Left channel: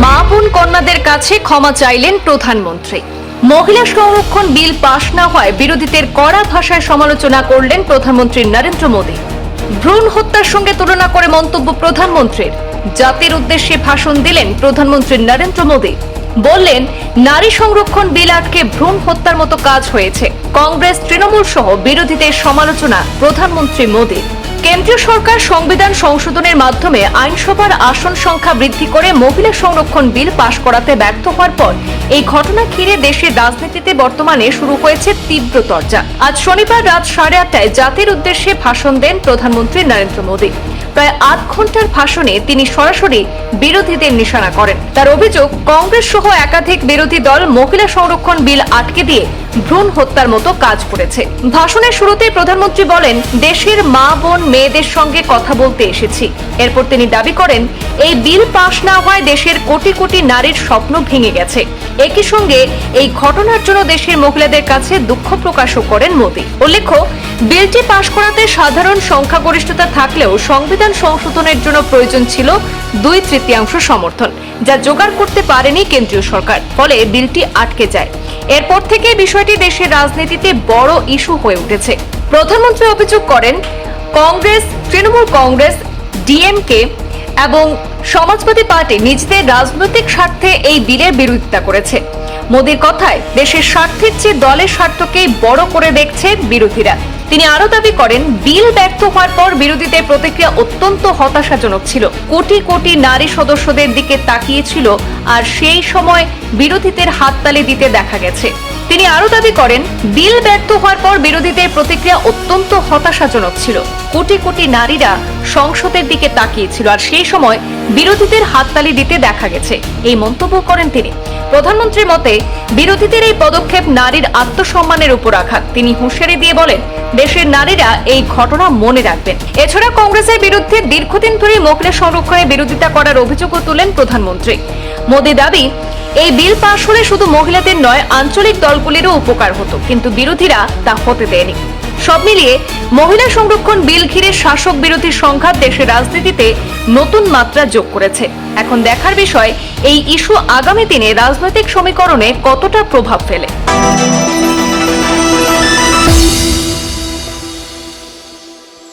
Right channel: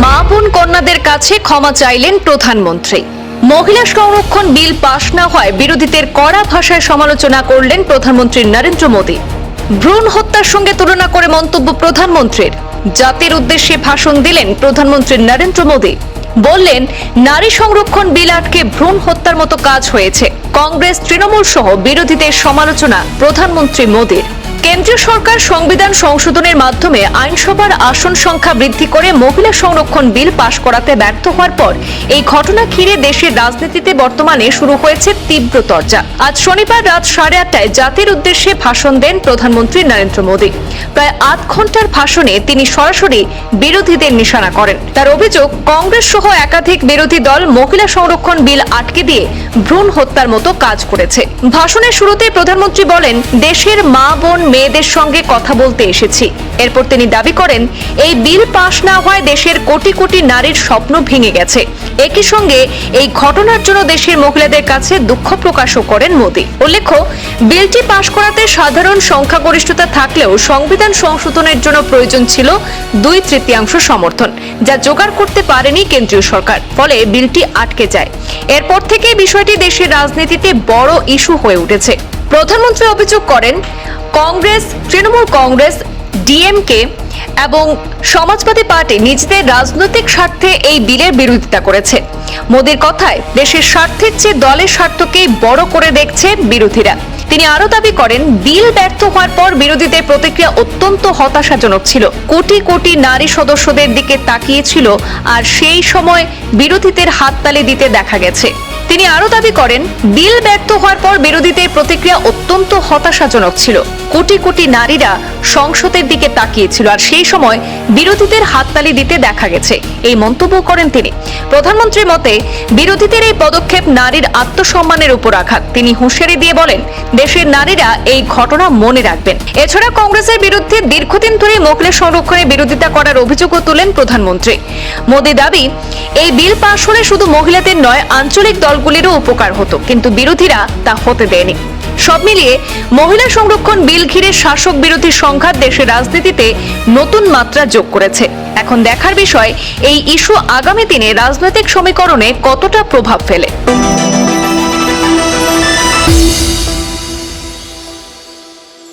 মা বোন কন্যাদের কাছে ক্ষমা চাইলেন প্রধানমন্ত্রী। মহিলা সংরক্ষণ বিল পাশ না হয় বিরোধীদের কড়া ভাষায় সমালোচনা করলেন প্রধানমন্ত্রী নরেন্দ্র মোদী। ভ্রূণ হত্যার সঙ্গে তুলনা করে মন্তব্য প্রধানমন্ত্রীর। জাতির উদ্দেশ্যে ভাষণ দিলেন প্রধানমন্ত্রী নরেন্দ্র মোদী। বললেন, নারী সংরক্ষণ বিল আটকে ভ্রূণ হত্যার মতো কাজ হয়েছে। কংগ্রেস, তৃণমূল সহ বিরোধীদের সমালোচনা প্রধানমন্ত্রী মোদীর। কেন্দ্রীয় সরকার সংবিধান সংশোধনের মাধ্যমে আইনসভার আসন সংখ্যা বৃদ্ধি করে মহিলা সংরক্ষণ বিল পাশ করাতে ব্যর্থ হওয়ার পর এই ঘটনা ঘিরে দেশের রাজনীতিতে বর্তমানে শুরু হয়েছে তীব্র চর্চা। আজ শনিবার রাত 8:30টায় জাতির উদ্দেশ্যে ভাষণ দেন প্রধানমন্ত্রী নরেন্দ্র মোদী। প্রায় 8 ঘন্টার ভাষণে তিনি সরাসরি বিরোধীদের নিশানা করেন। তার অভিযোগ, কংগ্রেস সহ একাধিক বিরোধী দল মহিলা সংরক্ষণ বিল আটকে দিয়ে ভ্রূণ হত্যার মতো কাজ করেছে। ভাষণের শুরুতে প্রধানমন্ত্রী বলেন, দেশের মা বোন মেয়েদের সঙ্গে কথা বলতে এসেছি। এরপর তিনি দাবি করেন, এই বিল পাশ না হয় দেশের কোটি কোটি নারীর স্বপ্ন ভেঙে গেছে। একই সঙ্গে এই ঘটনার জন্য দেশের মহিলাদের কাছে দুঃখ প্রকাশও করেন মোদী। উল্লেখ্য, বিলটি পাশ করাতে সাধারণ সংখ্যাগরিষ্ঠতা থাকলেও সংবিধান সংশোধনের জন্য প্রয়োজন ছিল 2/3 সমর্থন, যা জোগাড় করতে পারেনি কেন্দ্রীয় সরকার। ফলে বিলটি আটকে যায়। এরপর থেকে বিষয়টি দেশের রাজনীতিতে বড় ইস্যু হয়ে উঠেছে। প্রধানমন্ত্রী অভিযোগ করেন, কংগ্রেস, তৃণমূল কংগ্রেস, ডিএমকে এবং সমাজবাদী পার্টি নিজেদের রাজনৈতিক স্বার্থে এই বিলের বিরোধিতা করেছে। মোদীর কথায়, দেশের স্বার্থের চেয়ে দলের স্বার্থকেই বড় করে দেখছে বিরোধীরা। তিনি আরো দাবি করেন, বিল ব্যর্থ হওয়ার পর বিরোধীদের প্রতিক্রিয়া অত্যন্ত হতাশাজনক ছিল। কোটি কোটি নারী সদস্যদের দিকে তাকিয়েছিল, আর সেই সময় বিরোধীদের হাততালি দিতে দেখা গেছে। তিনি আরো দাবি করেন, বিল ব্যর্থ হওয়ার পর বিরোধীদের প্রতিক্রিয়া অত্যন্ত হতাশাজনক ছিল। কোটি কোটি নারীরা সংসদের দিকে তাকিয়েছিল, আর সেই সময় বিরোধীদের হাততালি দিতে দেখা গেছে। এই মন্তব্য করেন তিনি। প্রধানমন্ত্রীর মতে, বিরোধীদের এই পদক্ষেপ নারীর আত্মসম্মানের উপর আঘাত। তিনি হুঁশিয়ারি দিয়ে বলেন, দেশের নারীরা এই ঘটনা মনে রাখবেন। এছাড়া কংগ্রেসের বিরুদ্ধে দীর্ঘদিন ধরে মহিলা সংরক্ষণের বিরোধিতা করার অভিযোগও তুলেন প্রধানমন্ত্রী। মোদী দাবি, এই বিল পাশ হলে শুধু মহিলাদের নয়, আঞ্চলিক দলগুলিরও উপকার হতো, কিন্তু বিরোধীরা তা হতে দেয়নি। সব মিলিয়ে মহিলা সংরক্ষণ বিল ঘিরে শাসক বিরোধী সংঘাত দেশের রাজনীতিতে নতুন মাত্রা যোগ করেছে। এখন দেখার বিষয়, এই ইস্যু আগামী দিনে রাজনৈতিক সমীকরণে কতটা প্রভাব ফেলে।